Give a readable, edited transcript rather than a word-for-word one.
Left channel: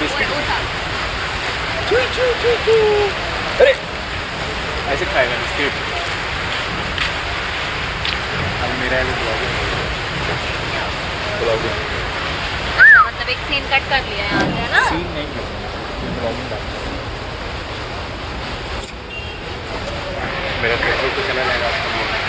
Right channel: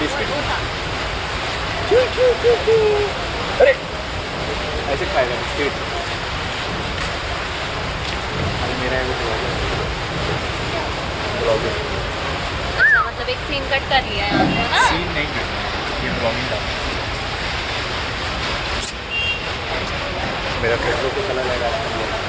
Biscuit वो था। अरे ऐसे खाएगा बिस्किट। मेरा ब्लॉगिंग अच्छा मतलब एक सीन कट कर लिया यहाँ से है ना। सीन नहीं करना, ये ब्लॉगिंग डालना। मेरा फेसबुक पे चला जाएगा आपका ब्लॉग।